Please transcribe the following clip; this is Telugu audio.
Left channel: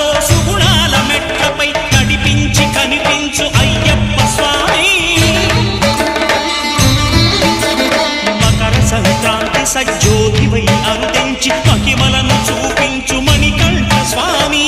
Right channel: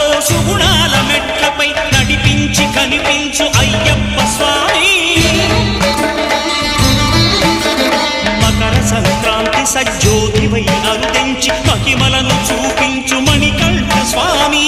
సుఖాలతో సుగుణాల మెట్లపై నడిపించి కనిపించు అయ్యప్ప స్వామి మకర సంక్రాంతి సజ్జోతివై అరుదెంచి మహిమలను చూపించు మణికంఠ స్వామి